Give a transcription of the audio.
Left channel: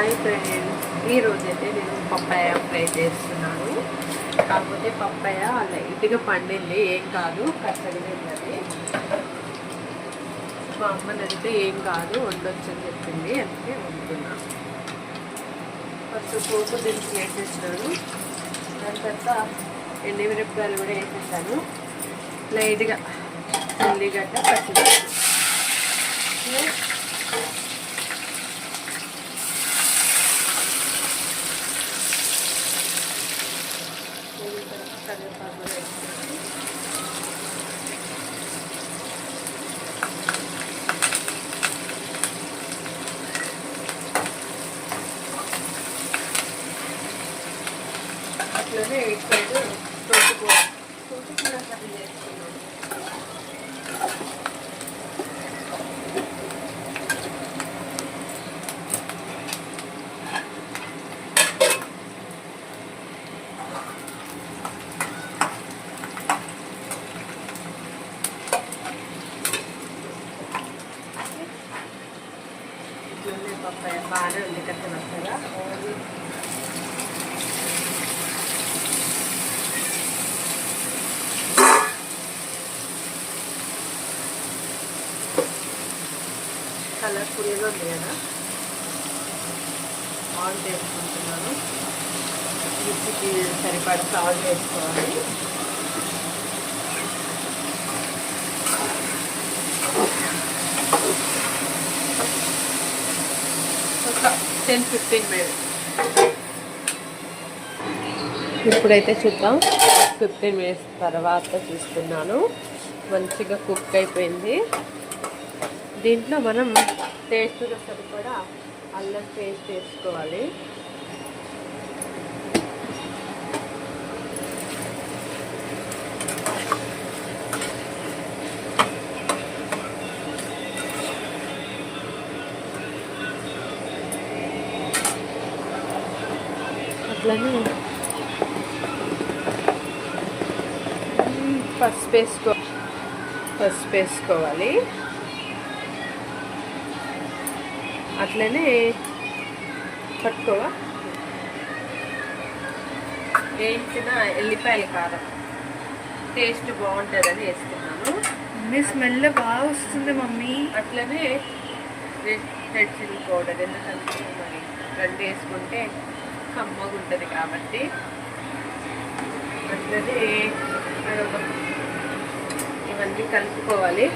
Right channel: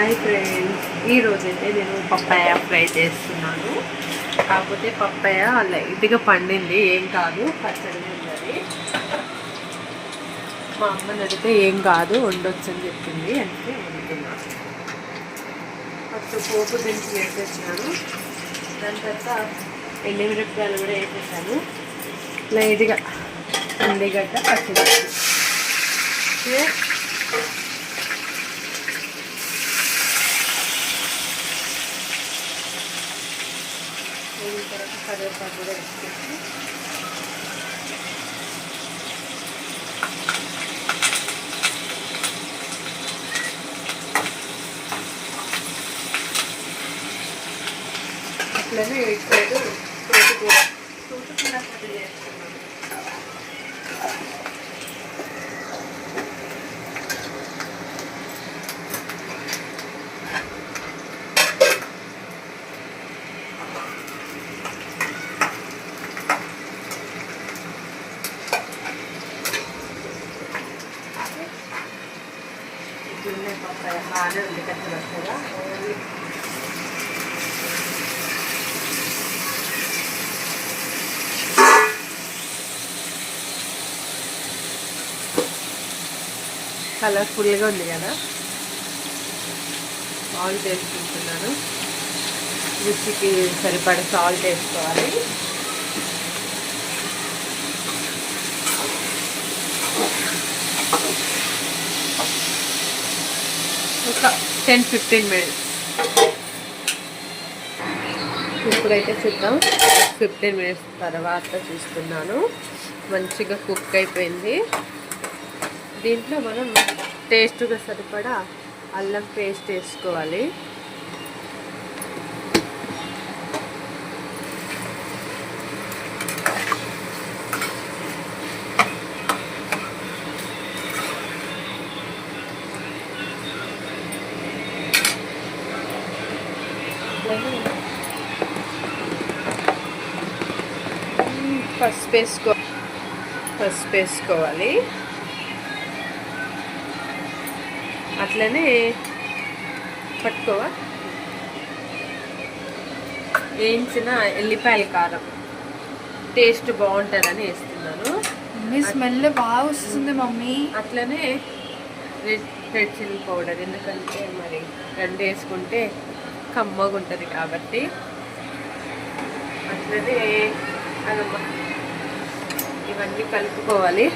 Hi friends, ఈరోజైతే నేను papaya fry చేస్తున్నాను. కాకపోతే పప్పాయ లైట్గా పండింది, ఏం కాదు, పచ్చడి ఉన్నది. మా అమ్మని అడిగితే ఏం కాదు వండొచ్చు అని చెప్పింది, అందుకే వండుతున్నాను. ఫస్ట్ పోపు దించి వేసేసినాను. దాని తర్వాత ఎండుమిరపకాయలు కూడా వేసేసాను. లైట్గా ఉల్లిగడ్డ పచ్చిమిర్చి కరివేపాకు కూడా వేసుకుంటాను. అట్లనే ఇప్పుడు తోటకూర కర్రీ చేస్తున్నాను. ఇట్లనే పప్పాయ బాగానే ఉంది కదా. కలర్ఫుల్గా ఉంది కదా. సాల్ట్ వేసుకుంటున్నాను. రుచికి సరిపడా సాల్ట్ వేసుకోవాలి. ఒక 10-15 మినిట్స్. ఇప్పుడైతే చూద్దాం. 15 మినిట్స్ తర్వాత చూస్తున్నాను. మంచిగా కుక్ అయిపోయింది. దీంట్లో మనం టేస్ట్గా సరిపడా అల్లం పేస్ట్ వేసుకోవాలి. పసుపు వేసుకోవాలి. అట్లనే పట్టుకోవా వేయించిన ఎల్లిపాయల కారం టేస్ట్ బాగుంటుందని వేస్తున్నాను. స్మెల్ బాగా వస్తుంది మమ్మీ. అట్లనే రెడ్ చిల్లీ పౌడర్, ఎందుకంటే మరి రెండు వేసుకుంటే కమ్మగా ఉంటుంది కాబట్టి. అట్లనే ఇవన్నీ కలుపుకోవాలి.